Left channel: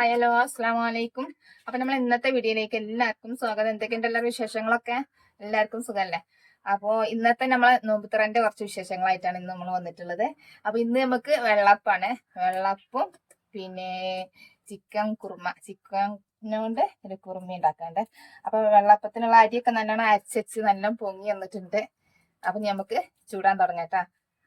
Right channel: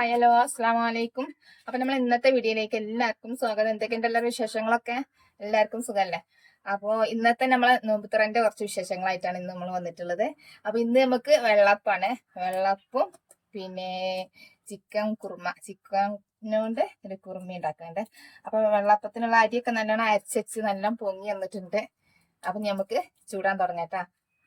Hello അസ്സലാമു അലൈക്കും. അപ്പൊ നമ്മൾ ഇന്നത്തെ വീഡിയോയിലേക്ക് എല്ലാവർക്കും സ്വാഗതം. എന്തൊക്കെയുണ്ട് എല്ലാവരും വിശേഷങ്ങളൊക്കെ? എല്ലാവർക്കും സുഖമല്ലേ? അപ്പോൾ ഇന്നത്തെ നമ്മളെ നോമ്പുതുറന്റെ കുറച്ച് വിശേഷങ്ങളായിട്ടാണ് ഇന്ന് നമ്മൾ വന്നിട്ടുള്ളത്. അപ്പൊ ഇന്ന് നമുക്ക് വെള്ളപ്പാണ്. വെള്ളപ്പും പിന്നെ ചിക്കൻ കൊണ്ട് ഒരു കുറുമ ഉണ്ടാക്കാണ്ട്. അപ്പൊ വെള്ളപ്പത്തിനുള്ള അരിയൊക്കെ നല്ലോണം അരച്ച് നല്ല പൊങ്ങി വന്നിട്ടുണ്ട്. അപ്പൊ നമുക്ക് ചൂടാൻ തുടങ്ങാട്ടാ.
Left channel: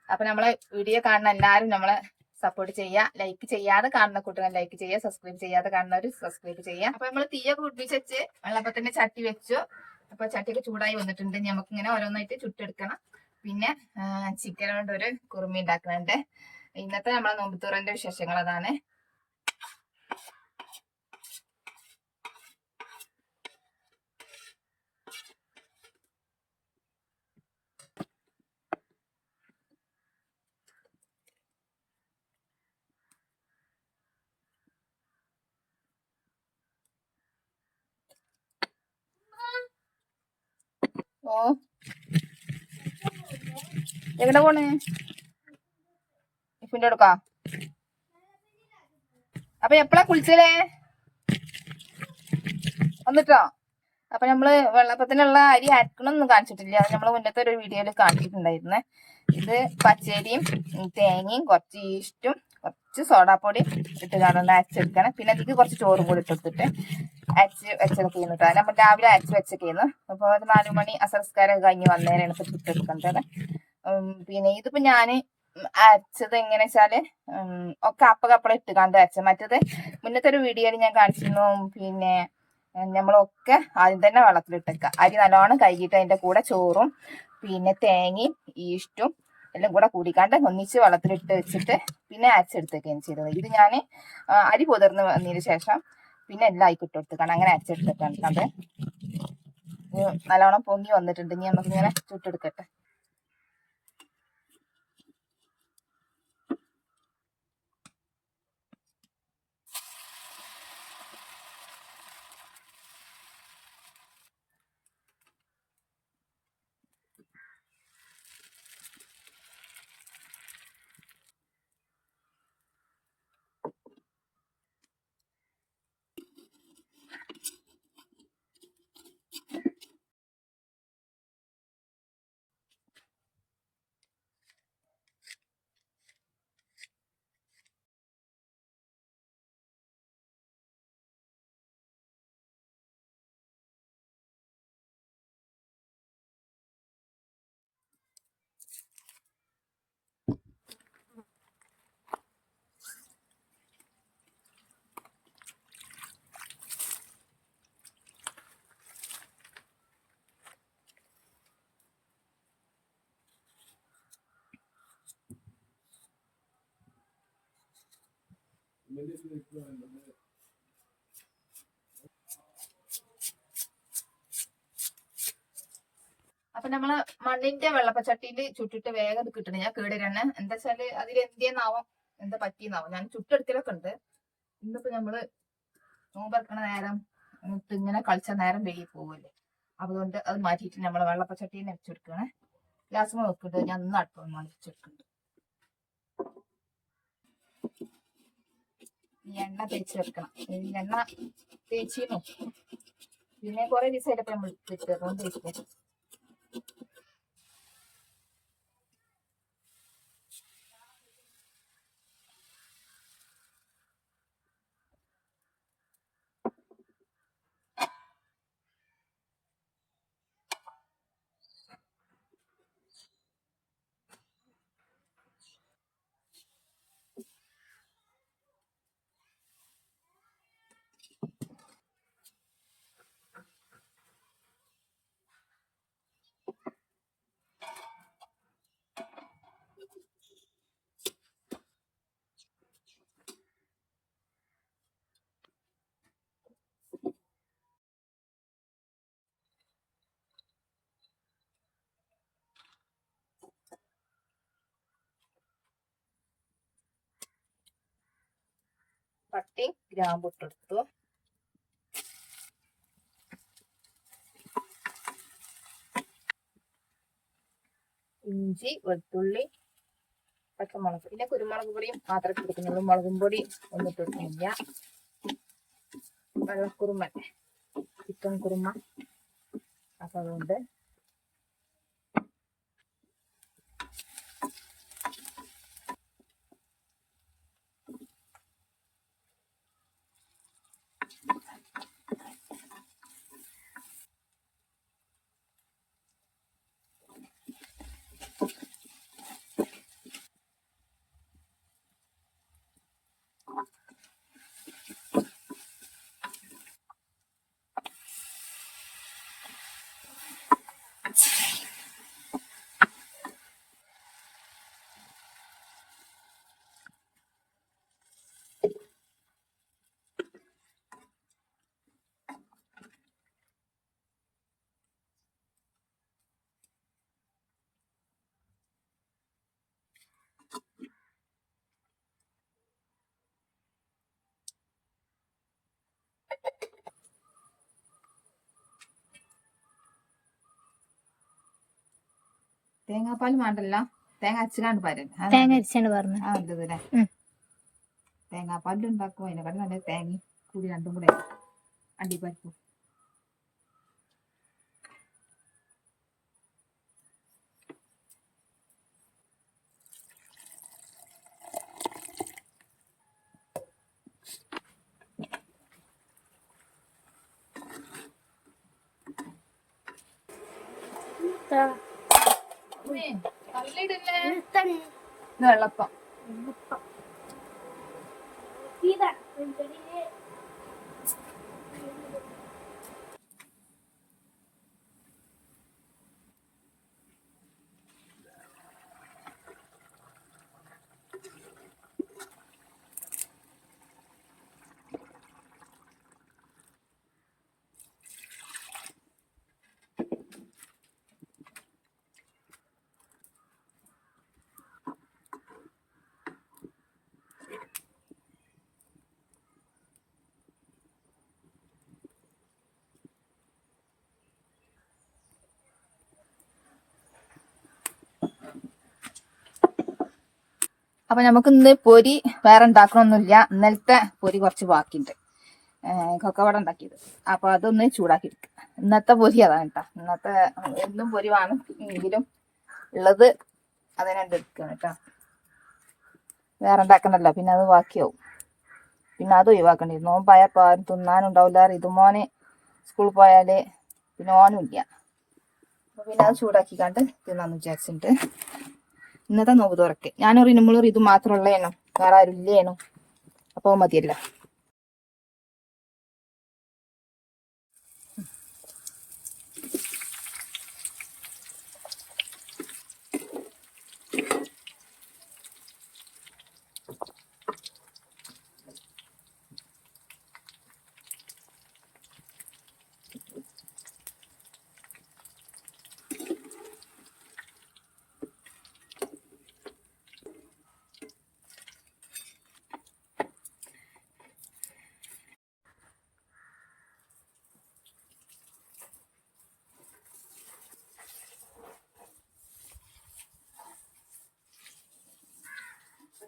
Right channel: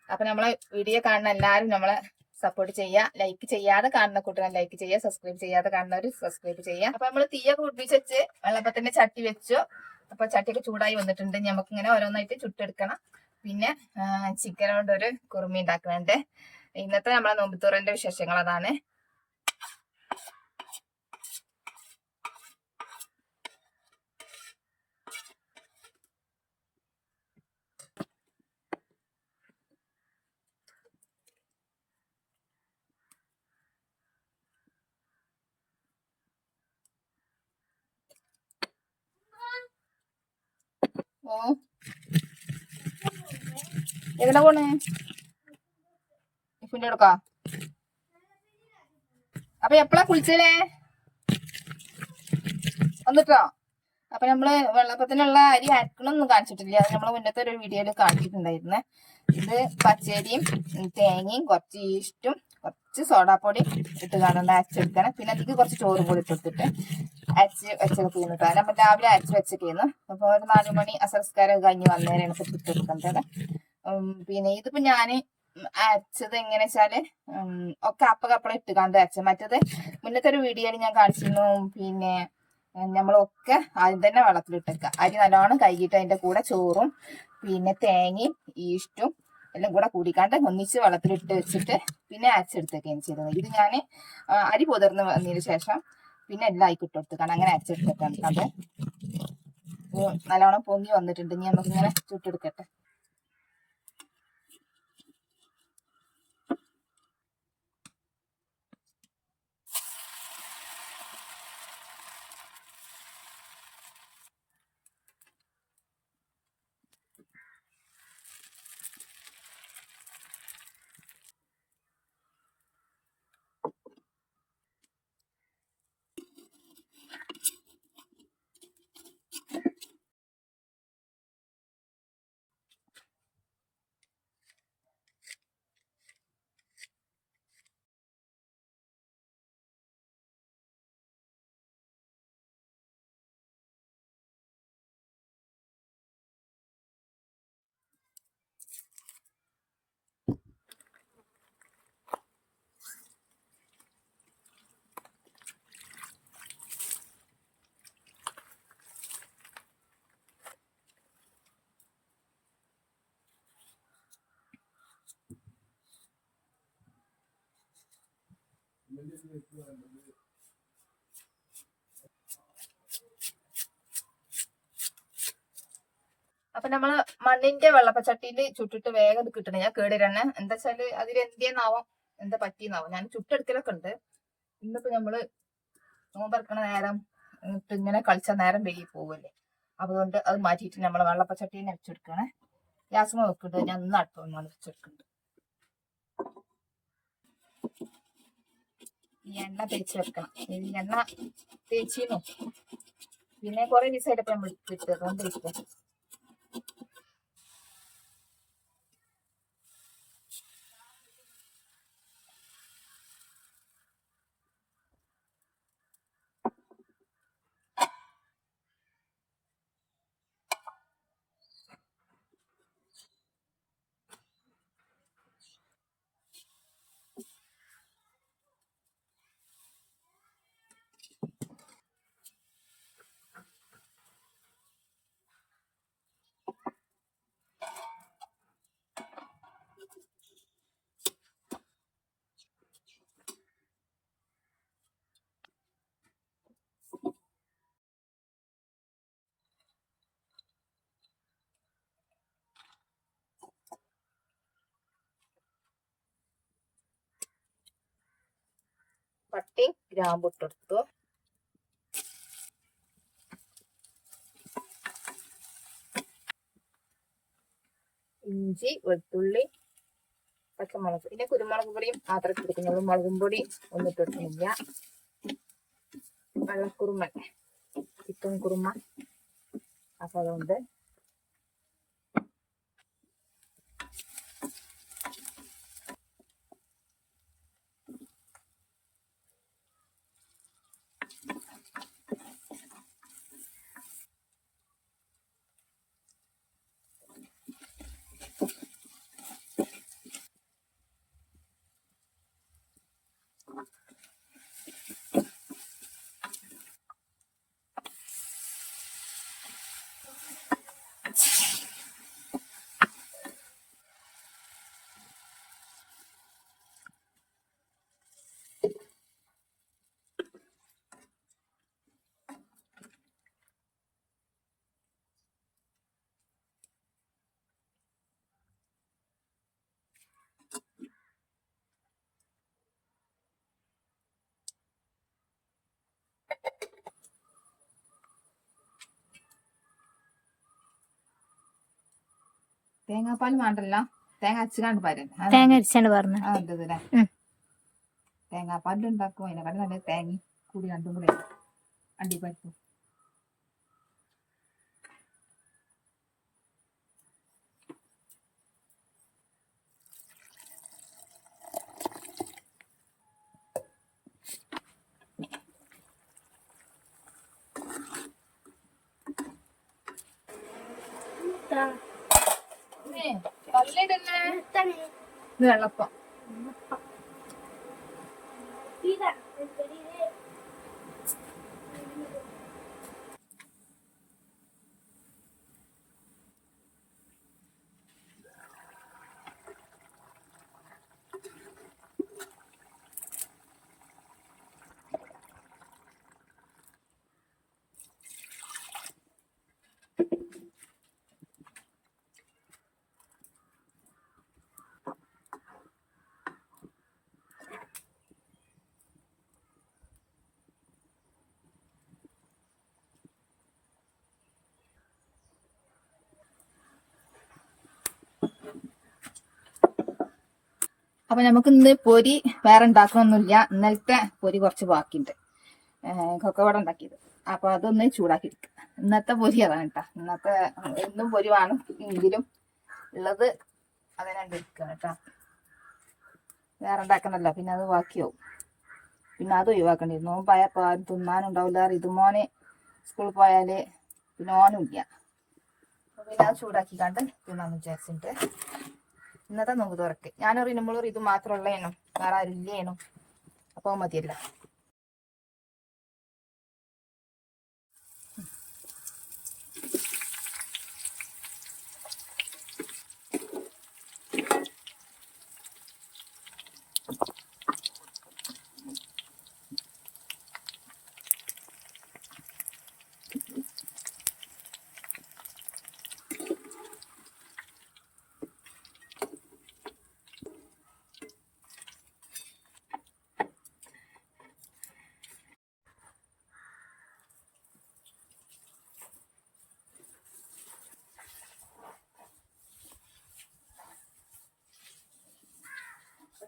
അപ്പൊ നമ്മളെ വീഡിയോ കാണുന്ന എല്ലാവരും നമ്മളെ സപ്പോർട്ട് ചെയ്യുക. ലൈക്ക് ചെയ്യാതെ കാണുന്ന കൂട്ടുകാർ ലൈക്ക് ചെയ്യുക, സബ്സ്ക്രൈബ് ചെയ്യാതെ കാണുന്നവർ സബ്സ്ക്രൈബ് ചെയ്യുക. അപ്പൊ നമ്മൾ തീയൊക്കെ പിടിപ്പിച്ച് വെച്ച് വെള്ളപ്പത്തിന്റെ ചട്ടി വെച്ചു. അപ്പൊ ചട്ടിയൊക്കെ ചൂടായി വന്നിട്ടുണ്ട്. നമുക്ക് ഇങ്ങനെ ഓരോന്നായിട്ട് ചുട്ടെടുക്കണം. പിന്നെ ചിക്കൻ കൊണ്ട് ഒരു കുറുമി ഉണ്ടാക്കുന്നുണ്ട്. ഇന്നത്തെ നമ്മളെ നോമ്പുതുറന്റെ വിശേഷങ്ങൾ അതാണ്. ഓ എങ്ങനെ പോണേ? ഇഫിന്റെ എടുക്കാ. അപ്പൊ എപ്പഴാ കുളിച്ചേ? വന്നിട്ടോ? അപ്പൊ നമ്മള് വെള്ളപ്പത്തിനുള്ള അരി അരക്കണമൊന്നും കാണിച്ചിട്ടില്ല. അത് നമ്മള് മുന്നത്തെ ഒരു വീഡിയോയിൽ കാണിച്ചിട്ടുണ്ടായിരുന്നേ. ഇത് പച്ചരിയും തേങ്ങയും കുറച്ച് ഈസ്റ്റും കുറച്ച് സോഡാപ്പൊടി ഇട്ട് കാണുന്ന അരച്ചെടുക്കണം. പിന്നെ അതിക്ക് കുറച്ച് ചോറും കൂടി ഇട്ടെടുത്തിട്ട് അരച്ച് വെച്ചെടുക്കുന്നു. നമ്മൾ രാവിലെ അരച്ച് വെച്ചേക്കുന്നു. അപ്പൊ ഒരു 4 മണി അസംസ്കാരം കഴിഞ്ഞ് വന്നേരാണ് ഇപ്പൊ ഇട്ടെടുക്കേണ്ടത്. പിന്നെ ഇതിപ്പോ ഞാന് അരച്ചത് എങ്ങനെ വെച്ചാല് ഒക്കെ അപ്പകപ്പള ഇട്ട് കണ്ട് അരച്ചത്. മറ്റത് മുന്നത്തെ ഒരു വീഡിയോയിൽ ഞാൻ കാണിച്ചിരുന്നു. പിന്നെ നമ്മളൊക്കെ ആദ്യം തന്നെ വെള്ളത്തിലിട്ടേക്കുക. അരി നല്ലോണം കഴുകിയിട്ട് അതിന്റെ കൂടെ ചോറും പിന്നെ തേങ്ങയും ഈസ്റ്റും എല്ലാം കൂടെ കൂടിക്കാണ്ട് ഒന്നിച്ച് വെള്ളത്തിലിട്ട് വെച്ചിട്ട് പിന്നെ അരച്ചെടുത്തേക്കാണ് ചെയ്തത്. ഇത് ഞാൻ അരി പുതിർന്ന് വന്നതിന് ശേഷം പിന്നെ എല്ലാം ആയിക്കിട്ട് കൊടുത്തേക്കാണ്. അങ്ങനെ അരച്ചെടുത്തേക്കാണ്. അത് നല്ലോണം പൊങ്ങി വന്നിട്ടുണ്ട്. ഇനി നമുക്കിങ്ങനെ ചുട്ടെടുക്കട്ടെ. അപ്പൊ നമ്മള് മണ്ണിന്റെ വെള്ളപ്പച്ചട്ടിയിൽ ചുട്ടിട്ട് വേഗം കിട്ടണേ. ഞാൻ കേടുതന്നെ എന്താ വെച്ചാല് അതിൽ എന്തിയെന്നാവും, എന്താ പറ്റിയെന്നാവും. ഞാൻ ചുട്ടെടുക്കലൊക്കെ ഉണ്ട്. ഇന്നിപ്പോ നമ്മള് നോമ്പറക്കണ നേരം ഇങ്ങനെ കളിച്ച നേരം വൈകി പോവല്ലേ. അതുകൊണ്ട് അത് മാറ്റിയിട്ട് നമ്മളെ വെള്ളപ്പച്ചട്ടിയിൽ വെച്ചെടുക്കണേ. ഗ്യാസ് വെക്കിട്ട് ഞാൻ ഇന്ന് അടുപ്പം വെച്ചെടുക്കുന്നുണ്ട്. ഈ എണ്ണ തേച്ച് വെക്കണം. ഈ എണ്ണ തേച്ചിരുന്നു. പിന്നെ കുറെ ദിവസമായിട്ട് നമ്മൾ കിട്ടുക അതുകൊണ്ടിരിക്കുക. പട്ടി ഗ്രാമ്പുട്ടെടുത്തു. ഇഞ്ചി, വെളുത്തുള്ളി, പച്ചമുളക്, പിന്നെ കുരുമുളക് പൊടിയും മാത്രമേ എടുക്കുന്നുള്ളൂ. മുളകും പൊടി ഒന്നും ഇട്ടിട്ടില്ല. വെള്ളക്കുറുമ, ചിക്കൻ കുറുമ. അപ്പൊ അതുകൊണ്ട് തേങ്ങാപ്പാൽ വേണ്ടല്ല, തേങ്ങ അരച്ചാണ്ട് പാരൻ. തേങ്ങ അരച്ചാണ്ട് പറഞ്ഞു അതല്ലേ തേങ്ങാപ്പാലിൽ ഉണ്ടാക്കും. അതിനെക്കാട്ടും നല്ല തേങ്ങ കൂടി രണ്ടും കൂടെ അണ്ടിപ്പരിപ്പും. വെള്ളപ്പം അപ്പൊ നമുക്ക് ഇന്ന് പൊരി വേറെ ഉണ്ടാക്കണമൊന്നുമില്ല. ഇന്നലത്തെ പൊരി കുറച്ച് ബാക്കിയുണ്ട്, കൊക്കവട ഉണ്ടാക്കിയത്. അപ്പൊ അതൊന്ന് ചൂടാക്കി എടുക്കുക. ഇന്നത്തെ പൊരി അതാണ് കേട്ടോ. ഇന്നത്തെ എന്നും പൊരി വേണം, എങ്കിലും ഉള്ളത് അതിനെന്ത് എടുക്കണം കേട്ടോ. വേറെ ഉണ്ടാക്കണല്ലോ, പിന്നെ അത് ബാക്കിയാവും. പിന്നെ അത് ഒഴിവാക്കേണ്ടി വരും. നോമ്പായപ്പോൾ ആരും തിന്നാനും ഉണ്ടാവില്ല. ഇതുമോനെ സ്കൂളിൽ പോയാല് പിന്നെ ഓനും ഇല്ല. പിന്നെ അത് ചൂടാക്കിക്കാണ്ട് തിന്നാന്ന് വിചാരിച്ചിട്ട് ഇന്നത്തെ നോമ്പ് തുറക്ക്. ഞാനൊരു ഇനുമുള്ളൊരു ഇത് മാത്രമുള്ളേനോ, വേറെ ആരും ഇല്ലേനോ. അപ്പോൾ മതിയല്ല.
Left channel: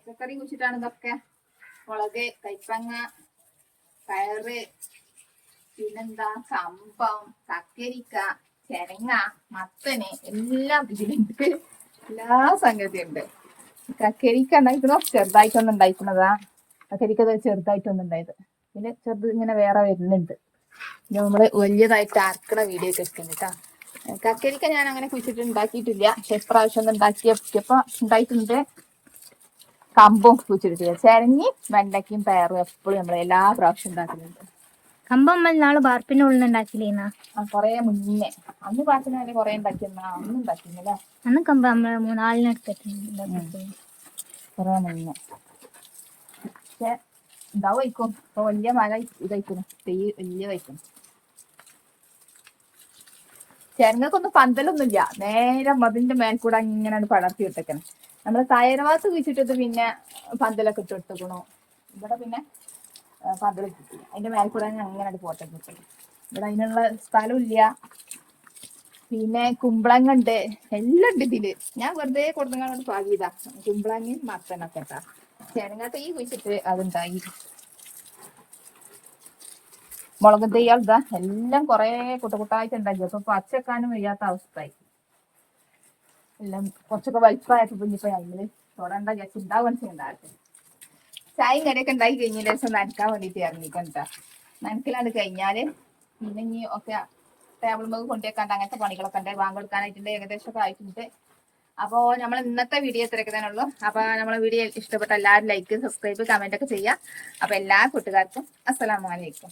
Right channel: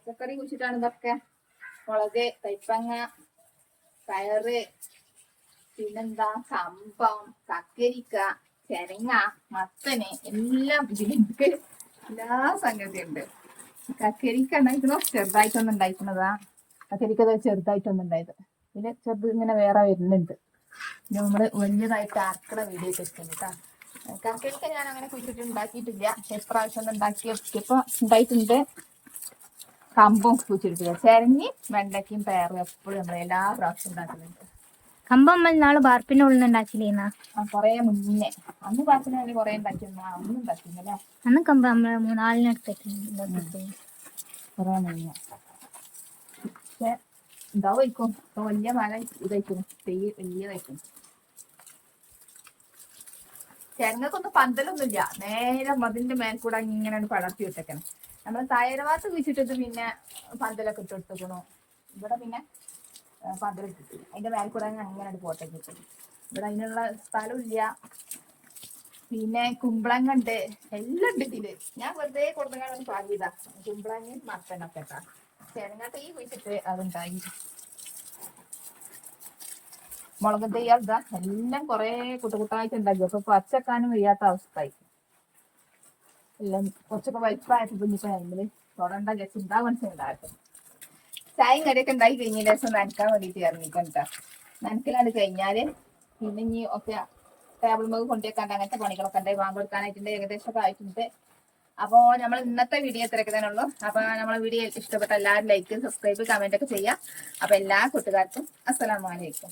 പച്ചക്കറി കുഴിച്ചിട്ടാണ് ഇതൊക്കെ. മുളക്, കൈപ്പങ്ങ, പയറ്, പിന്നെന്താ കമ്പം, കക്കരിക്ക, ചെരങ്ങ, മത്തന് എല്ലാം ഇതിലുണ്ട്. എല്ലാ സംഗതിയും ഉണ്ട്. കക്കരിക്ക ഉണ്ടായിരിക്കണോ ചെറുതായിട്ടൊന്നും ഉണ്ടായിരിക്കുന്നതാ. കക്കരിക്ക ചെറുതായിട്ടൊന്നും ഉണ്ടായത്. പിന്നെ ചെറുത് ഇങ്ങനെ വേറെ വരുന്നുണ്ട്. പിന്നെ നമ്മള് വലിയതായിട്ട് അരക്കണ വീഡിയോ ഒക്കെ എടുക്കുന്നുണ്ട് കേട്ടോ. കക്കരിക്ക ഞാൻ അങ്ങനെ കുഴിച്ചിട്ട് ഉണ്ടാക്കിയിട്ടില്ല. പക്ഷെ ഇപ്രാവശ്യം ഒന്ന് ഉണ്ടാക്കിയപ്പോ ഉണ്ടായിട്ടുണ്ട്. കമ്പും കുഴിച്ചിട്ടില്ല. ചെരങ്ങി വെണ്ടയ്ക്കും പയറും എപ്പോഴും നമ്മൾ എല്ലാ പ്രാവശ്യം ഉണ്ടാക്കുന്നുണ്ട്. കമ്പം നാള് ബാർപ്പിന്റെ ഉള്ളിൽ ഉണ്ടാക്കില്ലേന്നാ? കൊറേ മുന്നേ. അന്ന് പാട്ടിനാല് കൊറേ ഉണ്ടാക്കിയെന്ന അന്നും ഉണ്ടാക്കിന്നല്ലേ. അന്ന് കമ്പം നമ്മള് 3-4 എടുത്തിട്ടുണ്ട് കൊറേ മുന്നേ. പക്ഷെ ഉണ്ടാവുമായിരിക്കും. ഇപ്പൊ വലിയ മഴ ഇതായിരിക്കും, തൈ വലിയതായിരിക്കും. ചെരങ്ങക്കൊന്നും പന്തലൊന്നുമില്ല. നേരെ മതിന്റെ മേൽക്കൂടെ ഇങ്ങനെ പടർത്തി വിട്ടേക്കണം. നമ്മള് തയ്യറവാത്ത് കുഴിച്ചിട്ടത് പിന്നെ പന്തലൊക്കെ ഇട്ട് എടുത്തേക്കണു. ഇവിടെ പിന്നെ പന്തൽ കിട്ടി. അതിന്റെ മേൽക്കൂടെ അങ്ങനെ പോട്ടെ. ഇവിടെ അതിനുള്ള സ്ഥലം ഇല്ല. പിന്നെ കുമ്പളങ്ങ ഉണ്ട്, എല്ലാം ഉണ്ട് ഇതില്. ഞാൻ വെറുതെ കൊടുത്തങ്ങാണ്ട് പാകിയതാ. കുമ്പളങ്ങയും മത്തനൊക്കെ കേട്ടാ. ചെരങ്ങ തൈ കുഴിച്ചിട്ട് അതുണ്ടായി. മുളക് തൈകൾ ഇതാ എല്ലാം കുറെ കുട്ടുകുട്ടായിട്ട് ഉണ്ടാക്കി. അപ്പൊ പച്ചക്കാനും വയ്യാത്ത അവസ്ഥയായി. എല്ലാം കുറച്ചൊക്കെ വലിപ്പമായപ്പോ ഇനിയിപ്പോ അതില് തൊടണ്ട വിചാരിച്ച് ഉണ്ടാവാൻ ഉണ്ടാകട്ടെ. ചായയും കറിയൊക്കെ ഉണ്ടാക്കി കഴിഞ്ഞ ദിവസം നനക്കാൻ വേണ്ടിയിട്ട് ഇറങ്ങിക്കണ്ട. നനക്കലാണ് കഴിഞ്ഞാല് പിന്നെ ഇനി ഒക്കെ ടേബിൾ മുഖ കൊണ്ടുവെക്കാണ്ട് അങ്ങനത്തെ പണികളൊക്കെ ഉണ്ട്. വാങ്ങി കൊടുക്കാനായിട്ടുണ്ട്. ഏകദേശം ഒക്കെ ആയിട്ടുണ്ട്. അപ്പോൾ നമ്മൾ ഇന്നത്തെ വീഡിയോ ഇത്രയൊക്കെ തന്നെ ഉള്ളൂ. അപ്പൊ നമ്മളെ വീഡിയോ ഇഷ്ടപ്പെട്ട എല്ലാവരും ലൈക്ക്, സബ്സ്ക്രൈബ്, കമന്റ് ഒക്കെ ചെയ്യാം. അപ്പൊ എല്ലാ കൂട്ടുകാർക്കും അസ്സലാമു അലൈക്കും.